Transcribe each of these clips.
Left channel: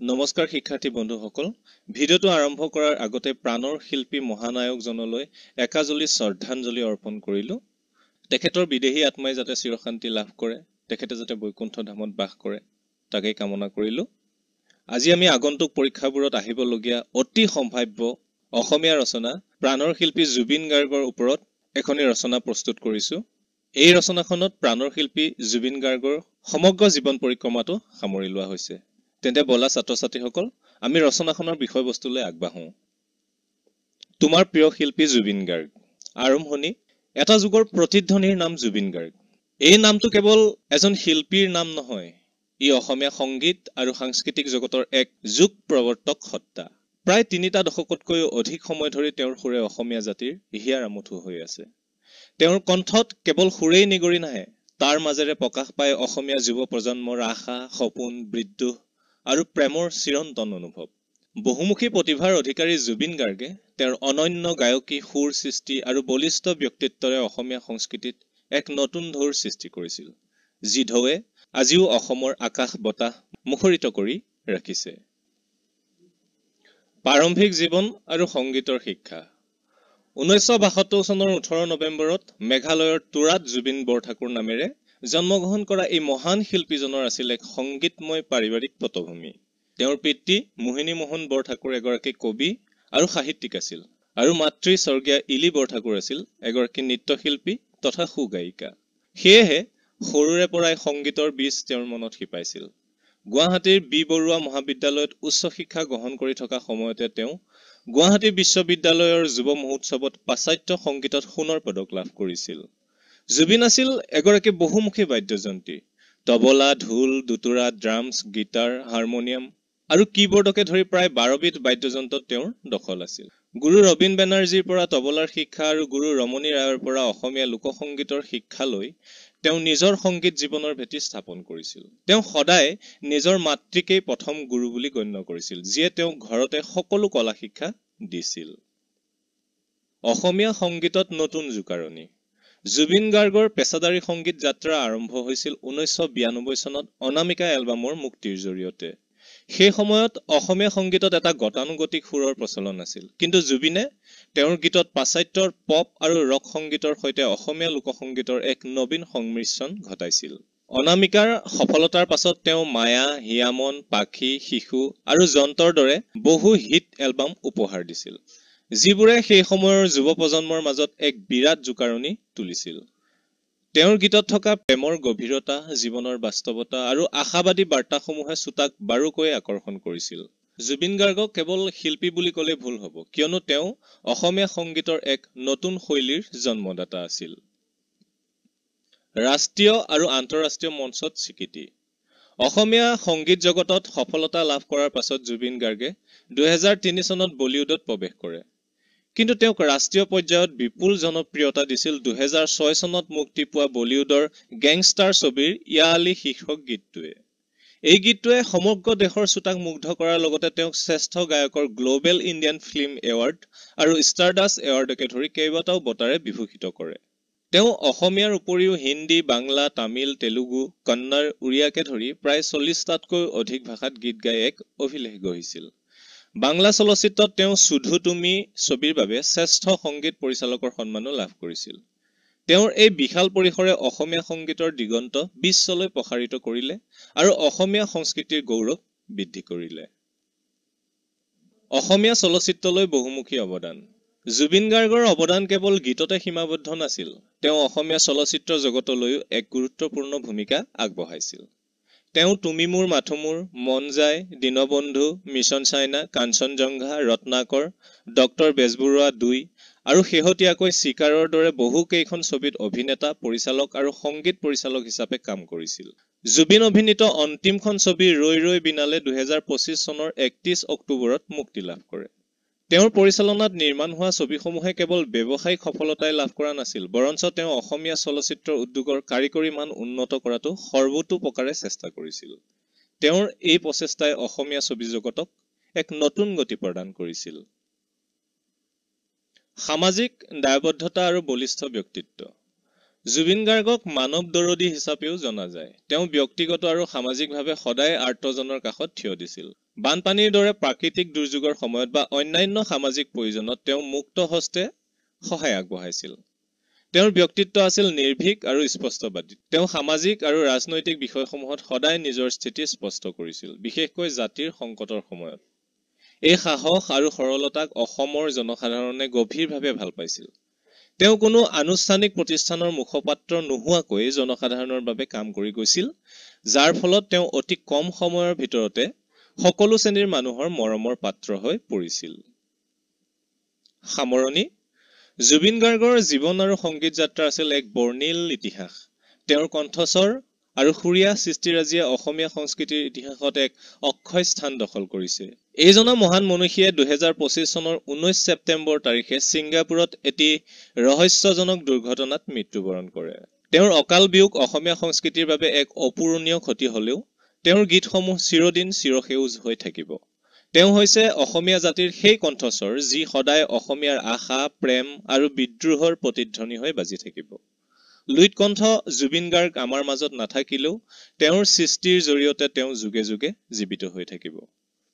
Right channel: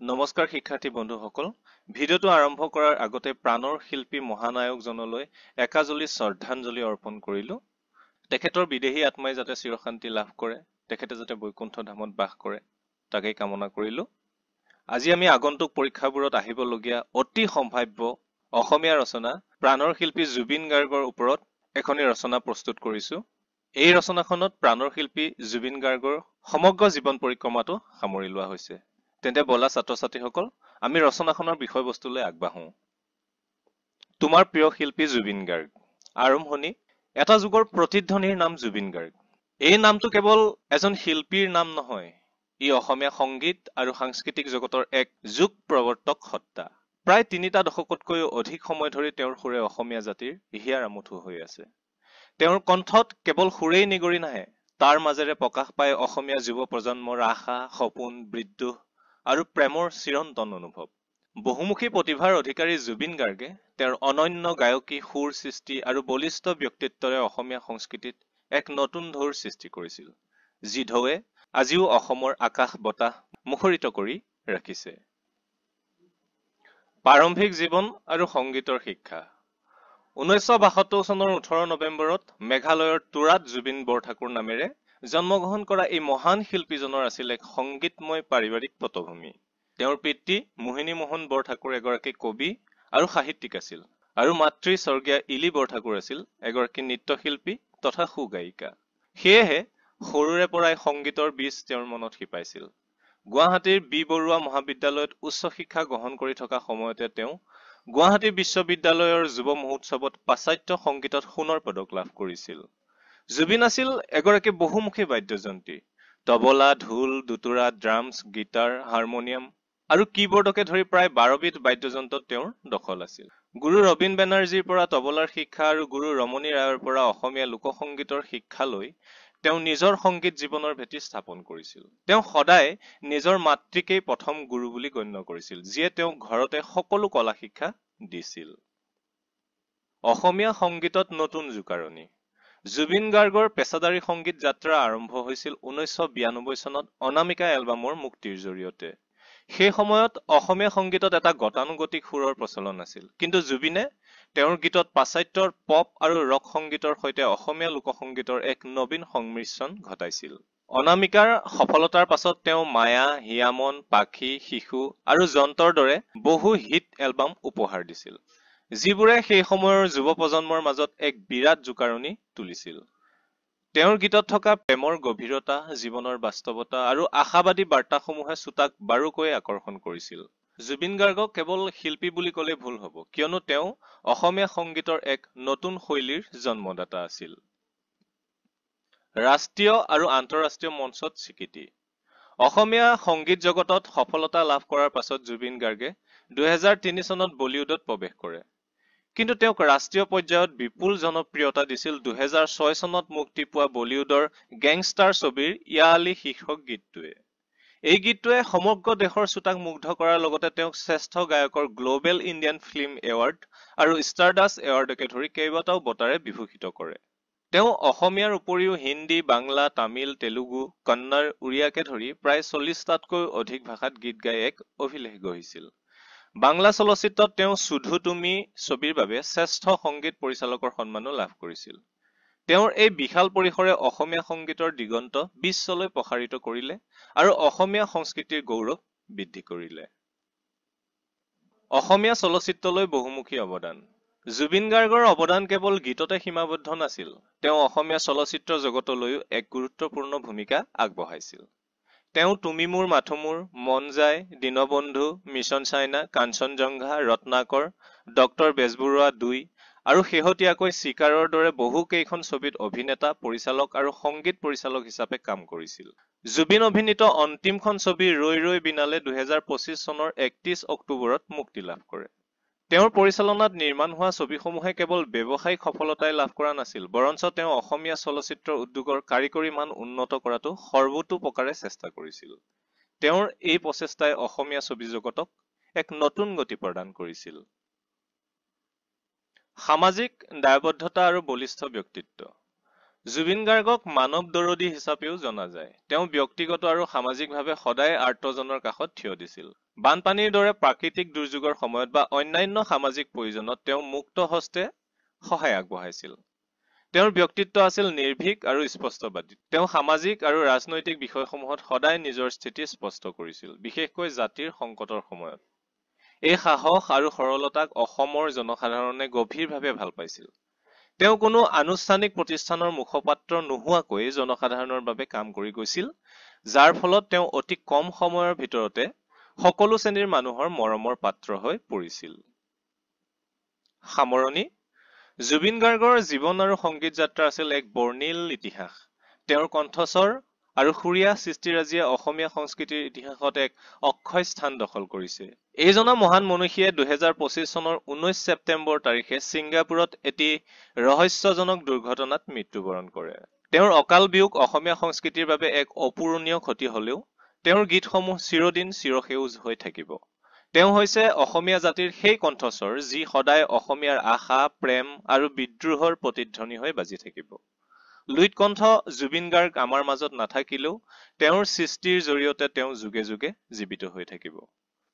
নমস্কাৰ শিক্ষাৰ্থী বন্ধুসকল, ভিডিঅ'টো আৰম্ভ কৰাৰ আগতে প্ৰাণৰ শিল্পী মহানায়কজনলৈ একাজলি শ্ৰদ্ধাঞ্জলি অৰ্পণ কৰিলো। তেখেতৰ বিদেহী আত্মাই যাতে চিৰশান্তি লাভ কৰে, তেখেতে যাতে বৈকুণ্ঠ ধামত বাস কৰে, তাকেই কামনা কৰিলো। আজি আমি আগন্তুক পৰীক্ষাবোৰত আহিবলগীয়া অতি সম্ভাৱ্য অসমীয়া ৰচনা প্ৰাণৰ শিল্পী জুবিন গাৰ্গৰ ওপৰত এখনি ৰচনা প্ৰস্তুত কৰিছো। এই ৰচনাখনত প্ৰাণৰ শিল্পী জুবিন গাৰ্গৰ সমগ্ৰ জীৱন পৰিক্ৰমাটো সামৰি লোৱা হৈছে। তেন্তে বলা ছাত্ৰ-ছাত্ৰীসকল, আমি ৰচনাখনৰ বিষয়বস্তুলৈ আগবাঢ়ো। তোমাৰ প্ৰিয় শিল্পী জুবিন গাৰ্গ। আৰম্ভণি। এটা যুগৰ প্ৰতিধ্বনিৰ নাম জুবিন গাৰ্গ। এই নামটো কেৱল এজন শিল্পীৰ নাম নহয়, ই অসমীয়া সংগীত আৰু সাংস্কৃতিক জগতৰ এক যুগ প্ৰৱৰ্তক সত্তা। প্ৰায় ৩টা দশকতকৈও অধিক সময় ধৰি তেওঁৰ সুৰে অসমীয়া জাতিৰ হিয়াৰ আমঠু হৈ আছে। তেওঁৰ কণ্ঠত কেৱল সুৰেই নিগৰি নাহে, তাৰ মাজেৰে প্ৰকাশ পায় অসমীয়া যুৱ প্ৰজন্মৰ আশা, সপোন, বিদ্ৰোহ আৰু প্ৰেমৰ চিৰন্তন অনুভৱ। বহুমুখী প্ৰতিভাৰ অধিকাৰী জুবিন গাৰ্গে তেওঁৰ অনন্য গায়কী, সুৰ সৃষ্টি আৰু বলিষ্ঠ ব্যক্তিত্বৰে অসমীয়া সংস্কৃতিত এক নতুন ঢৌৰ সৃষ্টি কৰিছিল, যি ঢৌৱে আজিও অসমৰ আকাশ বতাহ মুখৰিত কৰি ৰাখিছে। প্ৰাৰম্ভিক জীৱন আৰু সংগীতৰ শিক্ষা। 1972 চনৰ 18 নৱেম্বৰত মেঘালয়ৰ তুৰাত জুবিন বৰঠাকুৰ নামেৰে জন্মগ্ৰহণ কৰা এই মহান শিল্পীজনৰ আছিল এক সংগীতময় পাৰিবাৰিক পটভূমি। তেওঁৰ পিতৃ মোহিনী মোহন বৰঠাকুৰ এগৰাকী কবি আৰু সাহিত্যিক আছিল, আৰু মাতৃ স্বৰ্গীয়া ইলি বৰঠাকুৰ আছিল এগৰাকী নৃত্যশিল্পী তথা সুগায়িকা। সেয়েহে সৰুৰে পৰাই সংগীতৰ বীজ তেওঁৰ মনত শিপাইছিল। গুৱাহাটীৰ বি বৰুৱা মহাবিদ্যালয়ত উচ্চ শিক্ষা গ্ৰহণ কৰি থকা সময়তে তেওঁ গুৱাহাটী বিশ্ববিদ্যালয়ৰ যুৱ মহোৎসৱত পাশ্চাত্য সংগীতত সোণৰ পদক লাভ কৰিছিল। জুবিন আছিল এগৰাকী বহুমুখী বাদ্যযন্ত্ৰী। তবলা, ঢোল, দুতুৰা, ড্ৰামছ, গীটাৰ, হাৰমনিয়াম আৰু কীবৰ্ডকে ধৰি প্ৰায় 12বিধ বাদ্যযন্ত্ৰত তেওঁৰ দখল আছিল। গুৰু ৰবীন বেনাৰ্জীৰ পৰা তবলাৰ শিক্ষা আৰু গুৰু ৰমণী ৰায়ৰ পৰা অসমীয়া লোকসংগীতৰ শিক্ষা লৈ তেওঁ নিজৰ সংগীত জীৱনৰ ভেটি স্থাপন কৰিছিল। তেওঁ সদায় নিজৰ মাতৃকেই প্ৰথম গুৰু বুলি গণ্য কৰিছিল, যিয়ে তেওঁক ঘৰতে সকলো কলা শিক্ষা দিছিল। অসমীয়া সংগীতত নতুন জোকাৰণি। জুবিন গাৰ্গৰ পেছাদাৰী সংগীত যাত্ৰা আৰম্ভ হৈছিল 1992 চনত অনামিকা এলবামৰ মুক্তিৰ জৰিয়তে। সেই সময়ত অসমীয়া সংগীতত এটা গতানুগতিক সুৰৰ প্ৰচলন আছিল, কিন্তু জুবিনে তেওঁৰ গীতত পাশ্চাত্যৰ পপ আৰু ৰক সংগীতৰ সৈতে অসমীয়া লোকসংগীতৰ এক নবীন সংমিশ্ৰণ ঘটাইছিল। অনামিকাৰ সফলতাৰ পাছত তেওঁ মায়া, হিয়ামন, পাখি, শিশু আৰু যন্ত্ৰৰ দৰে বহু হিট এলবাম উপহাৰ দিছিল, যিবোৰে সেই সময়ৰ যুৱ প্ৰজন্মৰ মাজত এক বিৰাট জোকাৰণি তুলিছিল। তেওঁৰ গীতত থকা প্ৰেমৰ গভীৰতা, জীৱনৰ বাস্তৱতা আৰু আশাবাদী বাৰ্তাসমূহে শ্ৰোতাক বাৰুকৈ আকৰ্ষণ কৰিছিল। জুবিন গাৰ্গক কেৱল শিল্পী বুলি ক'লে ভুল হ'ব, কিয়নো তেওঁ অসমীয়া সংগীতৰ এক নতুন শৈলীৰ জন্মদাতা আছিল। ৰাষ্ট্ৰীয় আৰু আন্তঃৰাষ্ট্ৰীয় মঞ্চত স্বীকৃতি। অসমীয়া সংগীত জগতত সফলতা লাভ কৰাৰ পাছত জুবিন গাৰ্গে 2003 চনত বলিউডত প্ৰৱেশ কৰে। কিন্তু তেওঁক ৰাষ্ট্ৰীয় পৰ্যায়ত বিপুল জনপ্ৰিয়তা দিছিল 2006 চনত মুক্তি পোৱা বলিউডৰ গেংষ্টাৰ ছবিৰ ইয়া আলী শীৰ্ষক গীতটোৱে। এই গীতটোৱে সমগ্ৰ দেশৰ শ্ৰোতাক মুগ্ধ কৰাৰ লগতে তেওঁক শ্ৰেষ্ঠ গায়কৰ গ্ল'বেল ইণ্ডিয়ান ফিল্ম এৱাৰ্ড আৰু ষ্টাৰডাষ্ট এৱাৰ্ডকে ধৰি কেইবাটাও বঁটাৰে বিভূষিত কৰে। তেওঁ অসমীয়াৰ উপৰিও হিন্দী, বাংলা, তামিল, তেলুগু, কন্নড়, উৰিয়াকে ধৰি প্ৰায় 40টাতকৈ অধিক ভাষাত গীত গাই এক অভিলেখ গঢ়িছিল। বাংলা চলচ্চিত্ৰত তেওঁ শুধু তুমি ছবিৰ বাবে শ্ৰেষ্ঠ সংগীত পৰিচালকৰ সন্মানো লাভ কৰিছিল। তেওঁৰ এই বিশাল পৰিসৰে অসমীয়া সংগীতৰ দিগন্ত বিশ্বলৈ প্ৰসাৰিত কৰিলে আৰু অসমীয়া সংস্কৃতিৰ গৌৰৱ বৃদ্ধি কৰিলে। অসমীয়া চলচ্চিত্ৰলৈ বহুমুখী অৱদান। জুবিন গাৰ্গৰ অৱদান কেৱল গীততে সীমাবদ্ধ নাছিল, তেওঁ অসমীয়া চলচ্চিত্ৰ জগতলৈও এক গুৰুত্বপূৰ্ণ ভূমিকা আগবঢ়াইছিল। তেওঁ তুমি মোৰ মাথো মোৰ, মন যায়, Dinabandhu, mission China, Kanchenjunga, Ratnakar, doctor Bezbaruah 2 আৰু শেহতীয়াকৈ চিকাৰৰ দৰে বহু কেইখন ছবিত অভিনেতা, পৰিচালক আৰু সংগীত পৰিচালক হিচাপে কাম কৰিছিল। জুবিন অভিনীত অন্তিমখন ছবি ৰৈ ৰৈ বিনালে 2025 চনৰ 31 অক্টোবৰত মুক্তি লাভ কৰে। তেওঁৰ পৰিচালনাত নিৰ্মাণ হোৱা ছবিসমূহে কেৱল ব্যৱসায়িক সফলতাই লাভ কৰা নাছিল, বৰঞ্চ তেওঁ অসমীয়া চলচ্চিত্ৰ উদ্যোগৰ কাৰিকৰী মান উন্নত কৰাটো সৰ্বতোপ্ৰকাৰে চেষ্টা কৰিছিল। তেওঁৰ এই প্ৰচেষ্টাই অসমীয়া ছবি জগতক এক নতুন গতি প্ৰদান কৰিছিল। সামাজিক দায়বদ্ধতা আৰু বলিষ্ঠ ব্যক্তিত্ব। জুবিন গাৰ্গক মানৱ দৰদী হিচাপেও জনা যায়। তেওঁ ব্যক্তিগত আৰু সামাজিকভাৱে সদায় আৰ্তজনৰ কাষত থিয় দিছিল। বানপানীৰ দৰে প্ৰাকৃতিক দুৰ্যোগৰ সময়ত বা অন্যান্য সামাজিক প্ৰয়োজনত তেওঁ মুক্ত হস্তে সহায় আগবঢ়াইছিল। তেওঁৰ ব্যক্তিত্ব আছিল নিৰ্ভীক আৰু স্পষ্টবাদী। তেওঁ সামাজিক আৰু ৰাজনৈতিক বিষয়সমূহত সদায় নিজৰ স্থিতি স্পষ্ট কৰিছিল, বিশেষকৈ জাতিৰ সংকটৰ সময়ত। এই সাহস আৰু সৰলতাক অসমৰ জনসাধাৰণে গভীৰভাৱে ভাল পাইছিল। তেওঁ কোনো আনুষ্ঠানিক প্ৰতিষ্ঠানৰ মুখপাত্ৰ নোহোৱাকৈ জনসাধাৰণৰ বাবে কাম কৰি গৈছিল, যাৰ ফলত তেওঁ অতি কম সময়ৰ ভিতৰতে সকলো শ্ৰেণীৰ মানুহৰ মৰমৰ পাত্ৰ হৈ পৰিছিল। সামৰণি: জুবিন গাৰ্গৰ জীৱন আৰু সংগীত যাত্ৰা আছিল এক বৰ্ণিল ইতিহাস। তেওঁৰ কণ্ঠস্বৰ আৰু সুৰীয়া সৃষ্টিৰাজিয়ে অসমীয়া সংস্কৃতিৰ ইতিহাসত এক অক্ষয় স্থান দখল কৰিছে। এইজনা মহান মনীষীয়ে 2025 চনৰ 19 ছেপ্টেম্বৰ তাৰিখে ছিংগাপুৰত এটি ৰহস্যজনক দুৰ্ঘটনাত মৃত্যুবৰণ কৰে। তেওঁৰ অকাল বিয়োগ অসমীয়া সংস্কৃতিৰ বাবে এক অপূৰণীয় ক্ষতি হলেও তেওঁৰ গীতসমূহ চিৰদিন চিৰসেউজ হৈ থাকিব। তেওঁ হৈছে অসমীয়া জাতিৰ সেই কণ্ঠস্বৰ যি সদায় অসমীয়াৰ আশা, প্ৰেম আৰু বিদ্ৰোহৰ প্ৰতিধ্বনি হৈ বাজি থাকিব। লুইতকণ্ঠ জুবিন গাৰ্গ আমাৰ মাজত নাথাকিলেও তেওঁৰ সৃষ্টিৰ জৰিয়তে তেওঁ যুগে যুগে জীৱিত হৈ থাকিব।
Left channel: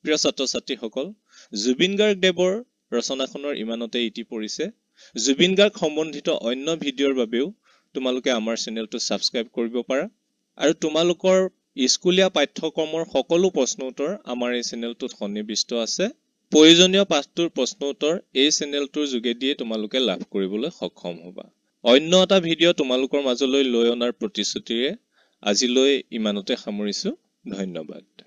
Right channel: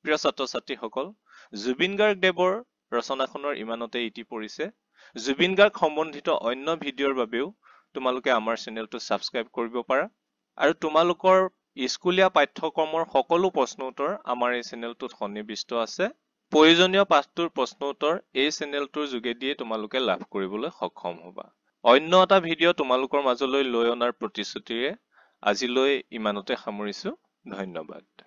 প্ৰিয় ছাত্ৰ ছাত্ৰীসকল, জুবিন গাৰ্গ দেৱৰ ৰচনাখনৰ ইমানতে ইতি পৰিছে। জুবিন গাৰ্গ সম্বন্ধিত অন্য ভিডিঅ'ৰ বাবেও তোমালোকে আমাৰ চেনেলটো ছাবস্ক্ৰাইব কৰিব পাৰা আৰু তোমালোকৰ স্কুলীয়া পাঠ্যক্ৰমৰ সকলো প্ৰশ্ন উত্তৰ আমাৰ এই চেনেলটোত সন্নিৱিষ্ট আছে। প্ৰয়োজনীয় পাঠটোৰ প্ৰশ্ন উত্তৰ এই চেনেলটোৰ যোগেদিয়ে তোমালোকে লাভ কৰিবলৈ সক্ষম হ'বা। অন্য এটা ভিডিঅ' তোমালোকৰ মাজলৈ লৈ অনাৰ প্ৰতিশ্ৰুতিৰে আজিলৈ ইমানতে সামৰিছো। ধন্যবাদ।